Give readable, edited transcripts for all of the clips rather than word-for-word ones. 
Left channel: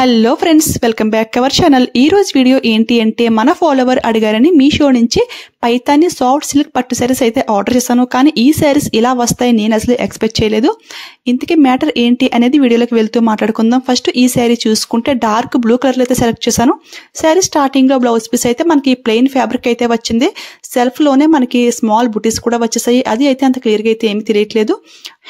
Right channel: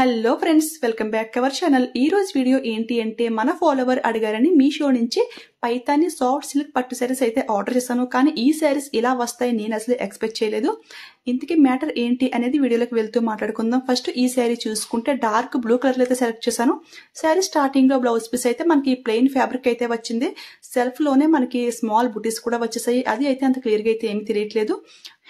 Hello friends, welcome back our channel. ఈ రోజు video ఏంటి అంటే మన ఫాలోవర్ అడిగారని మీషో నుంచి పైతాని సాఫ్ట్ సిల్క్ పట్టు శారీస్ అయితే ఆర్డర్ చేశాను. కానీ ఈ శారీస్ ఇలా వస్తాయి నేను అసలు ఎక్స్పెక్ట్ చేయలేదు. ఇంతకీ మ్యాటర్ ఏంటి అనేది వీడియోలోకి వెళ్తూ మాట్లాడుకుందాం. ఫస్ట్ ఈ శారీ చూసుకుంటే డార్క్ బ్లూ కలర్లో అయితే సెలెక్ట్ చేశాను. శారీ స్టార్టింగ్ లో బ్లౌజ్ పీస్ అయితే మనకి ప్లెయిన్ ఫ్యాబ్రిక్ అయితే వచ్చింది. సెల్ఫ్ లోనే మనకి స్మాల్ బుటీస్ కూడా వచ్చేసాయి. అది అయితే అంత క్లియర్ గా అయితే ఏమి తెలియట్లేదు.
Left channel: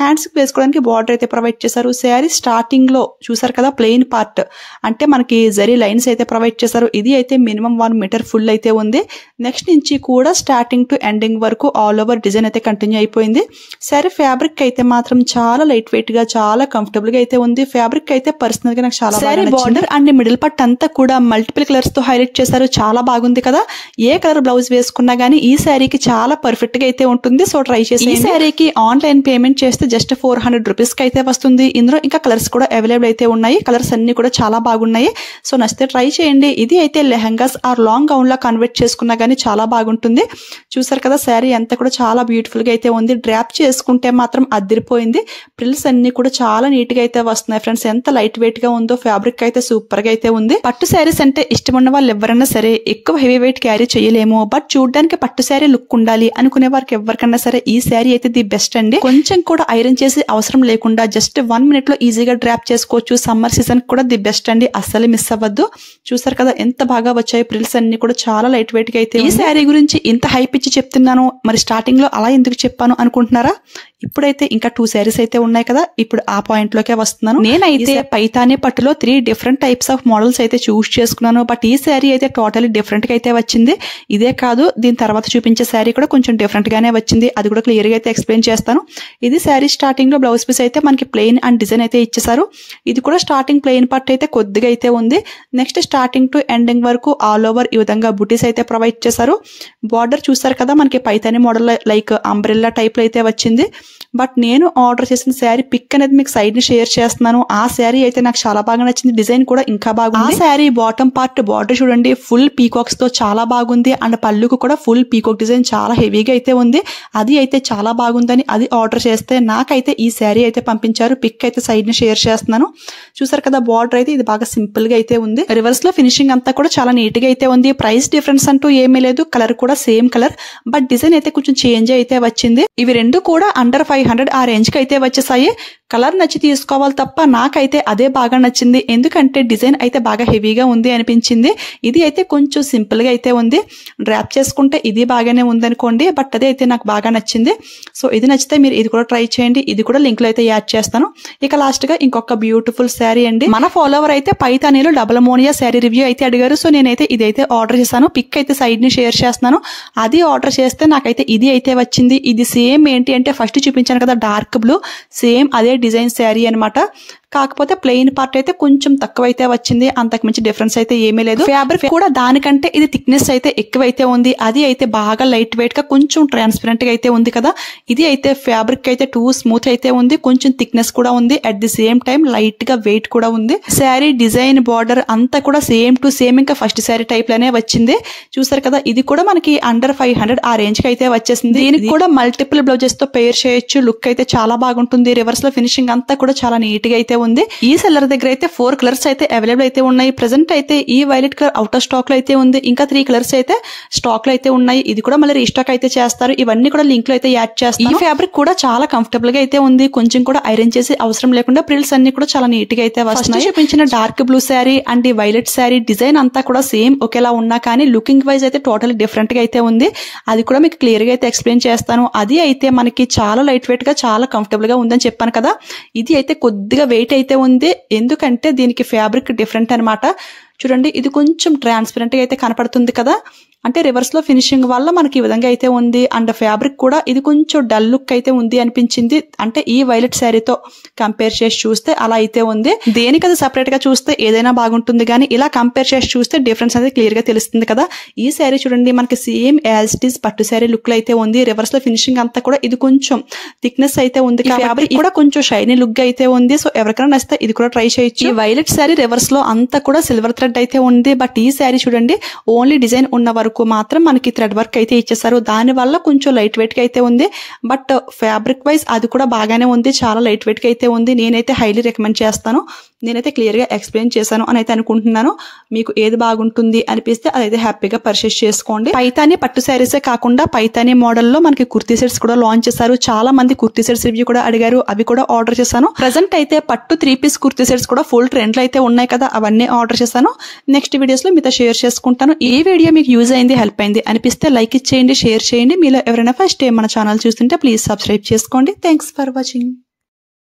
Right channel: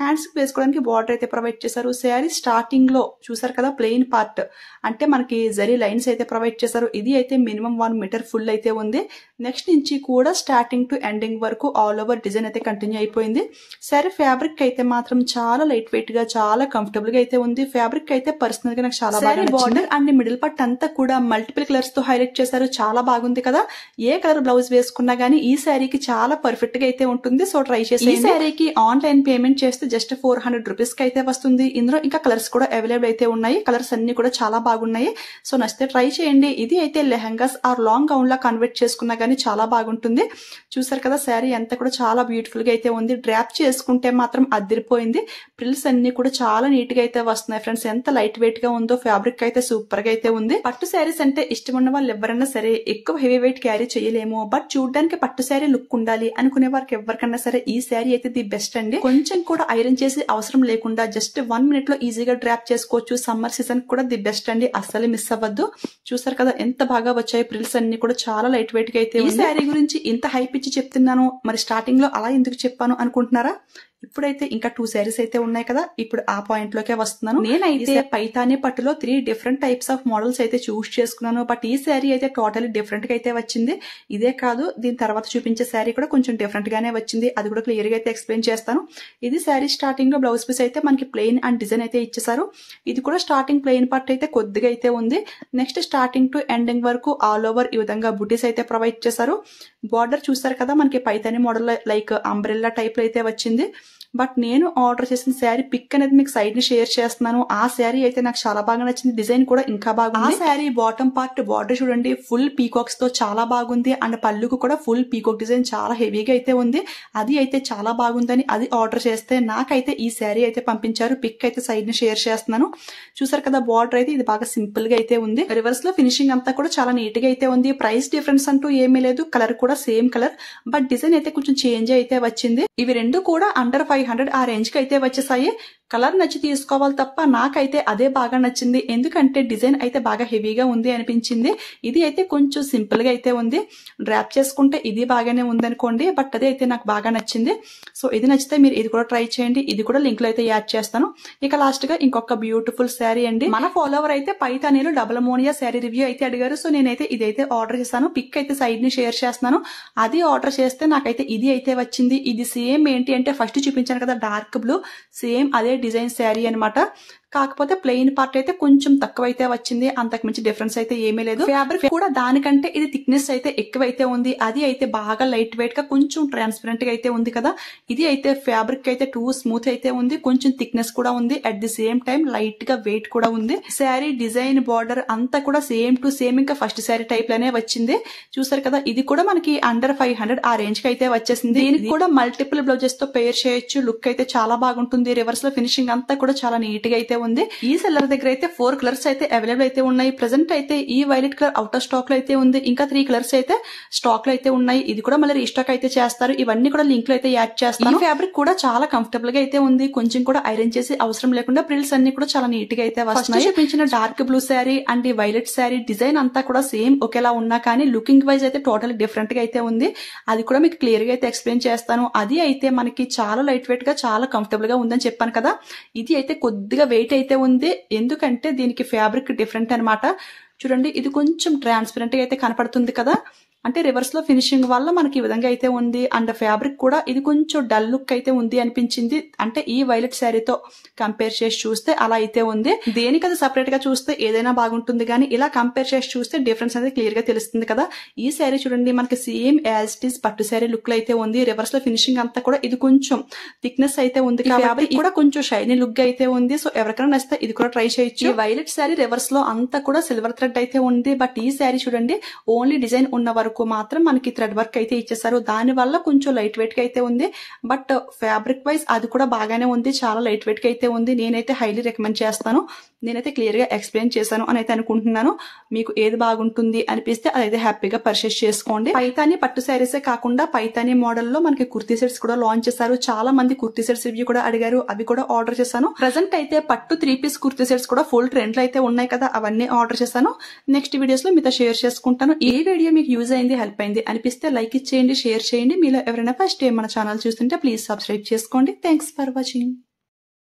హ్యాండ్స్ వేసుకోవడానికి బార్డర్ అయితే ప్రొవైడ్ చేశారు. శారీ స్టార్టింగ్ లో చూసారు కదా ప్లెయిన్ పార్ట్ అంటే మనకి జరీ లైన్స్ అయితే ప్రొవైడ్ చేశారు. ఇది అయితే మినిమం 1 మీటర్ ఫుల్ అయితే ఉంది. నెక్స్ట్ నుంచి కూడా స్టార్టింగ్ టు ఎండింగ్ వరకు ఆల్ ఓవర్ డిజైన్ అయితే కంటిన్యూ అయిపోయింది. శారీ ఫ్యాబ్రిక్ అయితే మాత్రం చాలా లైట్ వెయిట్ గా చాలా కంఫర్టబుల్ గా అయితే ఉంది. ఫ్యాబ్రిక్ అయితే పర్సనల్ గా నాకు చాలా sari border and middle part అంతా కూడా మల్టిపుల్ కలర్స్ తో హైలైట్ చేశారు. చాలా బాగుంది కదా. ఏ కలర్ బ్లౌజ్ వేసుకున్నా గానీ ఈ శారీకి చాలా పర్ఫెక్ట్ గా అయితే ఉంటుంది. సో ట్రై చేసి ఈ శారీకి ఆన్లైన్ పేమెంట్ చేస్తే జస్ట్ 400 రూపీస్ కి అయితే వస్తుంది. ఇందులో ఇంకా కలర్స్ కూడా అవైలబుల్ అయితే ఉన్నాయి. కలర్స్ అన్ని కూడా చాలా బాగున్నాయి. సో నచ్చితే ట్రై చేయండి. ఇది అయితే లెహంగాస్ ఆర్ లాంగ్ గౌన్ లా కన్వర్ట్ చేసుకున్నా గానీ చాలా బాగుంటుంది. చూసారు కదా శారీ అంతా కూడా చాలా బ్యూటిఫుల్ గా అయితే ఉంది. డ్రాప్ చేసుకుంటే మాత్రం అదిరిపోయింది. ప్రిల్స్ అన్ని కూడా చాలా నీట్ గా అయితే వస్తున్నాయి ఫ్రెండ్స్. ఎంత లైట్ వెయిట్ గా ఉందో. ఫ్యాబ్రిక్ అయితే సూపర్ గా అయితే ఉంది. పట్టు శారీస్ అంటే ఇష్టం ఉన్న వాళ్ళు ఎవరైనా సరే ఎక్కువ హెవీ వెయిట్ క్యారీ చేయలేము. బట్ చూడడానికి పట్టు శారీ లుక్ ఉండాలి అనుకునే వారికి ఎవరికన్నా సరే ఈ శారీ అయితే ది బెస్ట్ అండి. కొంచెం కూడా ఐరన్ చేసి అవసరం లేకుండా జస్ట్ 1 మినిట్ లో ఈజీగా డ్రాప్ చేసుకోవచ్చు. సమ్మర్ సీజన్ కూడా ది బెస్ట్ అండి. అస్సలు మిస్ అవ్వద్దు. చూసారు కదా ఎంత బాగా వచ్చాయి. ప్రిల్స్ అన్ని కూడా చాలా లైట్ వెయిట్ గా అయితే. ఈ శారీ గురించి ఇంత హైప్ ఇచ్చి చెప్తున్నాను, మరి స్టార్టింగ్ లో అలా ఎందుకు చెప్పాను అనుకుంటున్నారా? ఇప్పుడైతే ఇంకా 2 శారీస్ అయితే ఉన్నాయి కదా. ఇప్పుడు ఆ పాయింట్ లోకే వస్తున్నాను. నేనైతే పైతాని పట్టులో 3 డిఫరెంట్ టైప్స్ ఆఫ్ మోడల్స్ అయితే చూస్ చేసుకున్నాను. బట్ ఈ శారీ అయితే టోటలీ డిఫరెంట్ గా అయితే వచ్చింది. ఇదే కాదు దీని తర్వాత చూపించే శారీ కూడా కొంచెం డిఫరెంట్ గానే వచ్చింది. అది కూడా క్లియర్ గా అయితే ఎక్స్ప్లెయిన్ చేస్తాను. ఇది శారీ స్టార్టింగ్ లో బ్లౌజ్ పీస్ అయితే మనకి ప్లెయిన్ అండ్ డిజైన్ అయితే ఇచ్చేసారు. ఇది కూడా స్టార్టింగ్ ప్లెయిన్ పార్ట్ అయితే కొద్దిగా అయితే ఉంది. నెక్స్ట్ స్టార్టింగ్ టు ఎండింగ్ వరకు ఆల్ ఓవర్ ఈ విధంగా బుటీస్ అయితే ప్రొవైడ్ చేశారు. బార్డర్ చూసారు కదా మనకి Paithani model like umbrella type లో అయితే వచ్చింది. బట్ నేను ఆర్డర్ చేసిన శారీ పిక్ అనేది మీకు సైడ్ ని షేర్ చేస్తున్నాను. ఆ శారీ అయితే నాకు చాలా బాగా నచ్చింది. డిజైన్ కూడా ఇంకా బాగుంది. ఆ శారీ బాటమ్ పార్ట్ బార్డర్ చూడండి ఫుల్ పీకాక్స్ తో చాలా బాగుంది. అండ్ పళ్ళుకు కూడా ఫుల్ పీకాక్ డిజైన్ చాలా హెవీగా అయితే ఉంది. అది అయితే చాలా బాగుందని అది ఆర్డర్ చేస్తే నాకైతే ఈ శారీ అయితే పంపించారు. పిక్ అయితే సైడ్ ని షేర్ చేస్తున్నాను. చూసారు కదా బార్డర్ అయితే ఇది బాగా సింపుల్ గా అయితే ఉంది. రివర్స్ లో ఫినిషింగ్ అంతా కూడా చాలా నీట్ గా అయితే ఉంది. ప్రైస్ డిఫరెన్స్ అంటూ ఏమీ లేదు. కలర్ కూడా సేమ్ కలర్. బట్ డిజైన్ అయితే కొంచెం చేంజ్ అయితే వచ్చింది. ఇవి రెండు కూడా అండర్ 500 ఆ రేంజ్ కి అయితే వచ్చేసాయి. కలర్ నచ్చి తీసుకోవాలి తప్ప నాకైతే అదే బాగా నచ్చింది. ఎందుకంటే డిజైన్ అయితే బాగా హెవీగా ఉంది అనిపించింది. ఇది అయితే కొంచెం సింపుల్ గా అయితే ఉంది. డ్రాప్ చేసుకుంటే ఇది బాగానే ఉంది అనుకోండి. బట్ అదే అయితే నాకు బాగా నచ్చింది. సో ఇది నచ్చితే మీరు ఇది కూడా ట్రై చేయండి. ఇది కూడా లింక్ లో అయితే యాడ్ చేస్తాను. ఇక లాస్ట్ గా ఇంకొక బ్యూటిఫుల్ శారీ అండి. మన ఫాలోవర్ అయితే పైతానీలో డబుల్ మోనియా శారీ రివ్యూ అయితే అడిగారు. సో నేనైతే ఇదైతే ఆర్డర్ చేశాను. పిక్ అయితే సైడ్ ని షేర్ చేస్తున్నాను. అది ఆర్డర్ చేస్తే నాకైతే ఇది అయితే వచ్చింది. ఇది సేమ్ ఏంటి అంటే ఫస్ట్ చూపించాను కదా డార్క్ బ్లూ, సేమ్ అదే డిజైన్ శారీ అనమాట. కాకపోతే ప్లెయిన్ పార్ట్ అయితే కొంచెం తక్కువ అయితే వచ్చింది. అంతకు మించి డిఫరెన్స్ అయితే ఏమీ లేదు. ఫ్యాబ్రిక్ కూడా దానికంటే ఇది థిక్నెస్ అయితే ఎక్కువైతే ఉంది. అది అయితే బాగా లైట్ వెయిట్ గా కొంచెం ట్రాన్స్పరెంట్ గా అయితే ఉంది కదా. ఇది అయితే ఫ్యాబ్రిక్ అయితే టూ స్మూత్ అయితే ఉంది. కొంచెం థిక్నెస్ కూడా ఉంది. At the same time light గా వెయిట్ కూడా ఉంది. శారీ డిజైన్ బార్డర్ అంతా కూడా సేమ్ టు సేమ్ ఇంకా ఫస్ట్ శారీ టైప్ లోనే వచ్చింది. చూసారు కదా ఇది కూడా మనకి అండర్ 500 ఆ రేంజ్ కి అయితే వచ్చేసింది. దీనికి కూడా మల్టిపుల్ బ్లౌజెస్ తో పేర్ చేయొచ్చు. లుక్ అయితే చాలా బాగుంటుంది. రివర్స్ లో ఫినిషింగ్ అంతా కూడా చాలా నీట్ గా అయితే ఉంది. ఈ సెల్లర్ దగ్గర అయితే 4 కలర్స్ అయితే అవైలబుల్ అయితే ఉన్నాయి. ప్రెసెంట్ అయితే ఈ violet colour out of stock లో అయితే ఉంది. ఇంకా 3 కలర్స్ అయితే స్టాక్ లో అయితే ఉన్నాయి. ఇది కూడా మళ్ళీ రీస్టాక్ అయితే చేస్తారు. ఇవన్నీ కూడా లింక్ లో అయితే యాడ్ చేస్తారు. ఈ ఫ్యాబ్రిక్ కూడా చాలా కంఫర్టబుల్ గా అయితే ఉంది. కొంచెం కూడా ఐరన్ చేసి అవసరం లేకుండా ప్రిల్స్ అన్ని కూడా చాలా నీట్ గా అయితే వస్తున్నాయి. చూపించిన డార్క్ బ్లూ శారీ అండ్ ఈ వైలెట్ శారీ డిజైన్ అంతా కూడా సేమ్ ఒకేలా ఉన్నా కానీ లుకింగ్ వైజ్ అయితే టోటల్ డిఫరెంట్ గా అయితే ఉంది. అది కూడా మీకు క్లియర్ గా అయితే ఎక్స్ప్లెయిన్ చేస్తాను. అది అయితే మనకి చాలా లైట్ వెయిట్ గా చాలా కంఫర్టబుల్ గా ఉందని చెప్పాను కదా. ఇది అయితే కొద్దిగా వెయిట్ అయితే ఉంది. ఎందుకంటే దీనికి ఫ్యాబ్రిక్ డిఫరెంట్ అనమాట. చూడండి ఇది కొంచెం ట్రాన్స్పరెంట్ గా అయితే కనపడుతుంది కదా. అంటే రివర్స్ లో ఫినిషింగ్ వల్ల మనకి ఈ విధంగా అయితే ఉంది. అండ్ ఫ్యాబ్రిక్ కూడా ఇది కొంచెం డల్ లుక్ అయితే ఉంది అనిపించింది. అంటే ఈ వైలెట్ శారీతో కంపేర్ చేసి చూస్తే అలా అయితే ఉంది. దేనికి అది సపరేట్ గా చూస్తే ఏదైనా బాగుంటుంది కానీ ఇలా కంపేర్ చేసి చూస్తే డిఫరెన్స్ అనేది క్లియర్ గా తెలుస్తుంది కదా. ఈ శారీ చూడండి మనకి సేమ్ యాజ్ ఇట్ ఈస్ పట్టు శారీ లుక్ లో అయితే ఉంది. రివర్స్ లో ఫినిషింగ్ అంతా కూడా ఇది కొంచెం థిక్నెస్ అయితే ఉంది. ఫ్యాబ్రిక్ కూడా కొంచెం షైనీ లుక్ గా అయితే ఉంది. సో ఎవరికైనా నచ్చితే ఇది కూడా ట్రై చేయొచ్చు. ఈ వైలెట్ శారీ రివర్స్ లో అంతా కూడా సిల్వర్ థ్రెడ్ అయితే ఉంది. బట్ ఈ శారీ చూడండి ఓన్లీ డిజైన్ ఉన్న వరకు వరకు మాత్రం మనకి థ్రెడ్ వర్క్ అయితే ఇచ్చేసారు. దానివల్ల కొంచెం లైట్ వెయిట్గా అయితే ఉంది. బట్ ఫ్యాబ్రిక్ వైజ్ అది కూడా బాగానే ఉంది, చాలా లైట్ వెయిట్గా అయితే ఉంది. నేనైతే హైలీ రికమెండ్ చేస్తాను. నేనైతే క్లియర్గా ఎక్స్ప్లెయిన్ చేశాను అని అయితే అనుకుంటున్నాను. మీకు ఏది బాగుంటుంది అనిపిస్తే అదైతే హ్యాపీగా పర్చేస్ చేసుకోండి. పైతాని పట్టు శారీసే కాకుండా పైతాని మోడల్లో మనకి కుర్తీ సెట్స్ కూడా లాంచ్ చేశారు. చాలా మంది కుర్తీ సెట్స్ రివ్యూ కూడా అడిగారు, అవి కూడా ఆర్డర్ చేశాను. ప్రెజెంట్ అయితే పట్టు 3 పీస్ కుర్తీ సెట్స్ కూడా ఫుల్ ట్రెండ్లో అయితే ఉన్నాయి కదా, అవన్నీ ఆర్డర్ చేశాను. నెక్స్ట్ వీడియోస్ లో మీతో షేర్ చేసుకుంటాను. ఈ వీడియో మీకు యూజ్ అయింది, హెల్ప్ అయింది అనిపిస్తే లైక్ ఇచ్చేయండి, షేర్ చేయండి. మీలో ఎవరైనా ఫస్ట్ టైం మన ఛానల్ చూస్తుంటే ప్లీజ్ సబ్స్క్రైబ్ చేసుకోండి. Thanks for watching.